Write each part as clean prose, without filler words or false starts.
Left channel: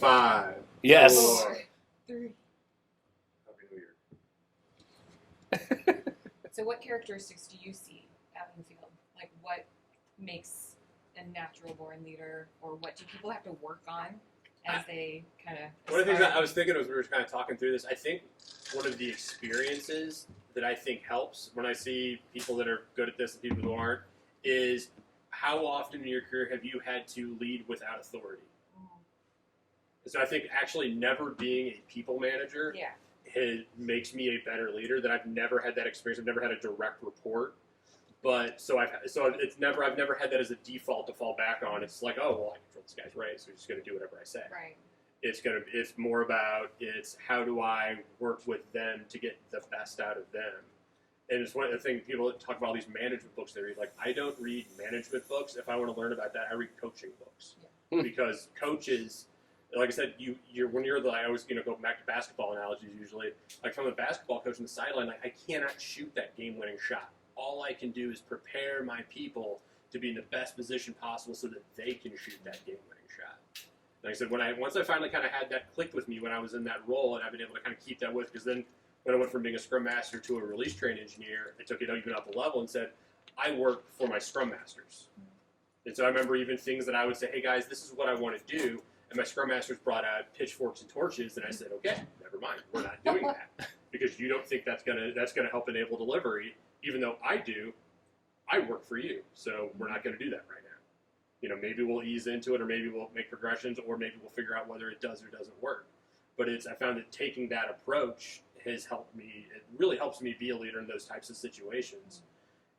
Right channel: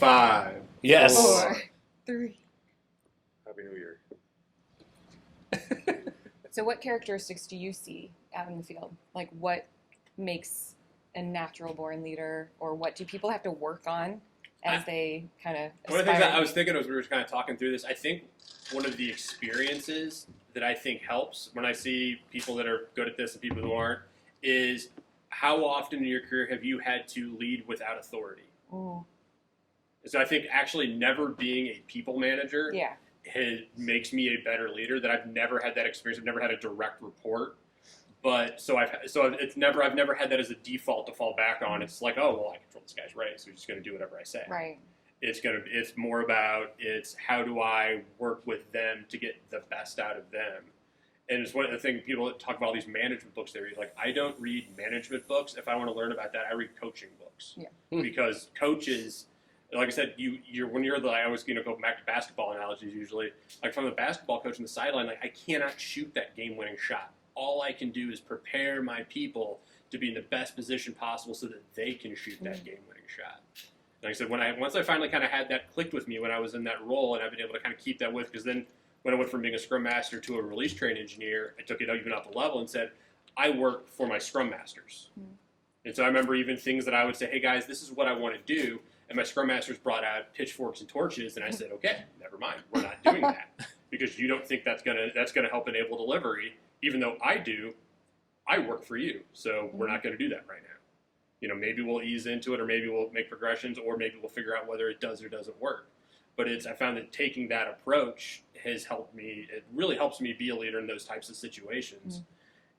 5. Yes. 4, 3. Happy New Year. So what characteristics do you see out in the field? Like what makes a natural born leader, or what do people have to work on as they kind of One of the things that I was thinking as we were kind of talking through this, I think one of the experiences that I think helps when I see people that are good at this and people who aren't is how often in your career have you had to lead without authority? Mm. So I think actually never being a people manager Yeah. makes me a better leader. That I've never had that experience. I've never had a direct report, but I've never had that as a default to fall back on. It's like, oh well, I control this guy's race, so he's just going to do whatever I say. Right. It's more about how do I work with them to get the best out of them. And it's one of the things people that talk about all these management books they read. Like, I don't read management books. If I want to learn about that, I read coaching books. Yeah. Because coaches, like I said, I always go back to basketball analogies usually. Like, if I'm a basketball coach on the sideline, like, I cannot shoot that game-winning shot. All I can do is prepare my people to be in the best position possible so that they can shoot that game-winning shot. Like I said, once I finally kind of had that clicked with me when I was in that role, and I've been able to kind of keep that with, because then when I went from being a Scrum Master to a release train engineer, I took it even up a level and said, I work for my Scrum Masters. And so I remember even things that I would say, hey guys, this is what I want to do. And my Scrum Masters brought out pitchforks and torches, and I said, okay, never mind, we're not doing that. Because you don't think that's gonna help enable delivery, even though I do. I work for you, so we're not gonna do that right now. Maybe we'll ease into it, or maybe we'll make progressions, or maybe we'll figure out whether it does or doesn't work. But I found that taking that approach has helped me. It really helps me be a leader in those types of situations.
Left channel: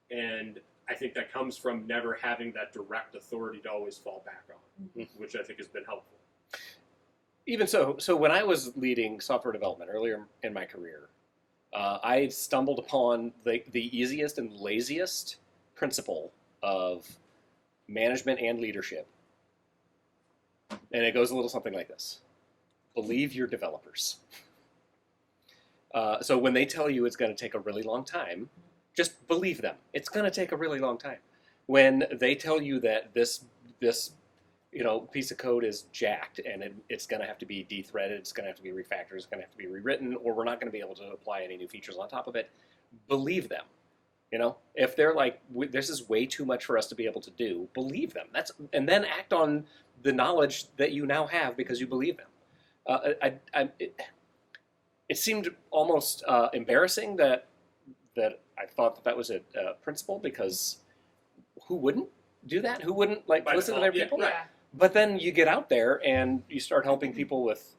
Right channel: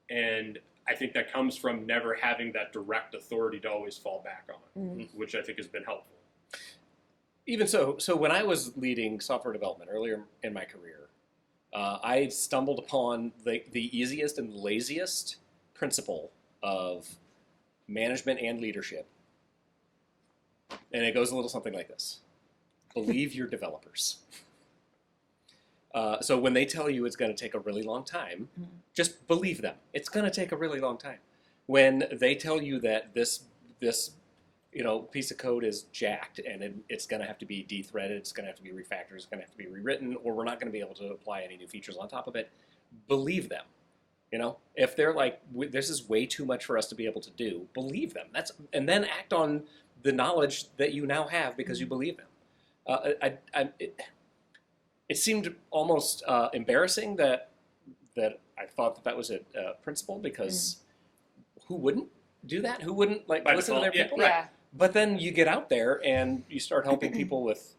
And I think that comes from never having that direct authority to always fall back on, which I think has been helpful. Even so when I was leading software development earlier in my career, I stumbled upon the easiest and laziest principle of management and leadership. And it goes a little something like this. Believe your developers. So when they tell you it's going to take a really long time, just believe them. It's going to take a really long time. When they tell you that this piece of code is jacked and it's going to have to be de-threaded, it's going to have to be refactored, it's going to have to be rewritten, or we're not going to be able to apply any new features on top of it, believe them. If they're like, this is way too much for us to be able to do, believe them. And then act on the knowledge that you now have because you believe them. It seemed almost embarrassing that I thought that was a principle, because who wouldn't do that? Who wouldn't listen to their people? Yeah. But then you get out there and you start helping people with,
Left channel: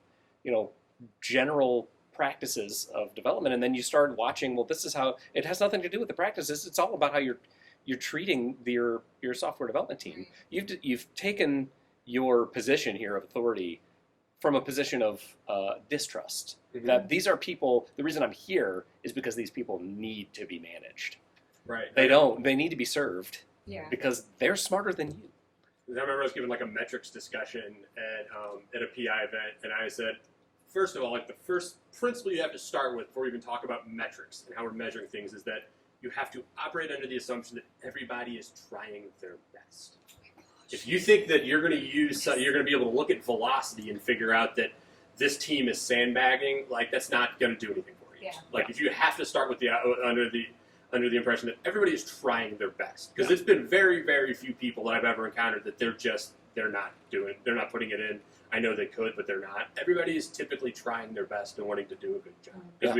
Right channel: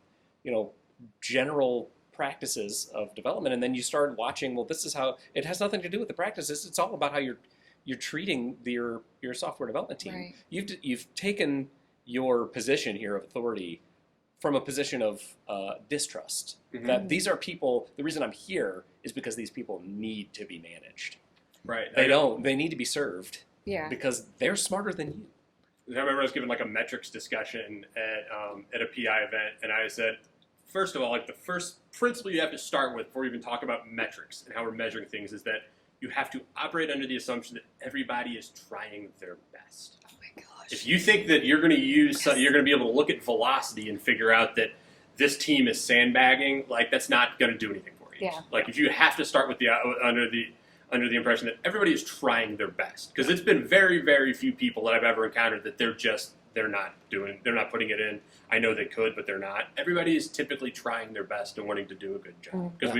general practices of development, and then you start watching. Well, this is how it has nothing to do with the practices. It's all about how you're treating your software development team. Right. You've taken your position here of authority from a position of distrust. That these are people. The reason I'm here is because these people need to be managed. Right. They need to be served. Yeah. Because they're smarter than you. I remember I was giving a metrics discussion at a PI event, and I said, first of all, the first principle you have to start with before we even talk about metrics and how we're measuring things is that you have to operate under the assumption that everybody is trying their best. Oh my gosh. If you think that you're going to be able to look at velocity and figure out that this team is sandbagging, that's not going to do anything for you. Yeah. If you have to start with under the impression that everybody is trying their best, because it's been very, very few people that I've ever encountered that they're not putting it in. I know they could, but they're not. Everybody is typically trying their best and wanting to do a good job. Because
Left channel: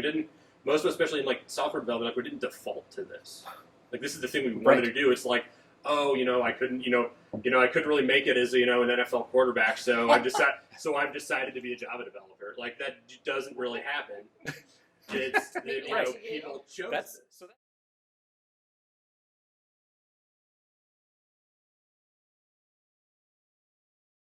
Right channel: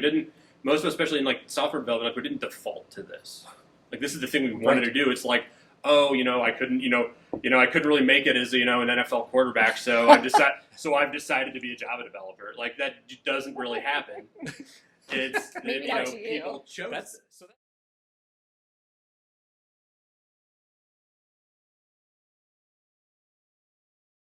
most of us, especially in software development, we didn't default to this. This is the thing we wanted to do. It's I couldn't really make it as an NFL quarterback, so I've decided to be a Java developer. That doesn't really happen. People chose this.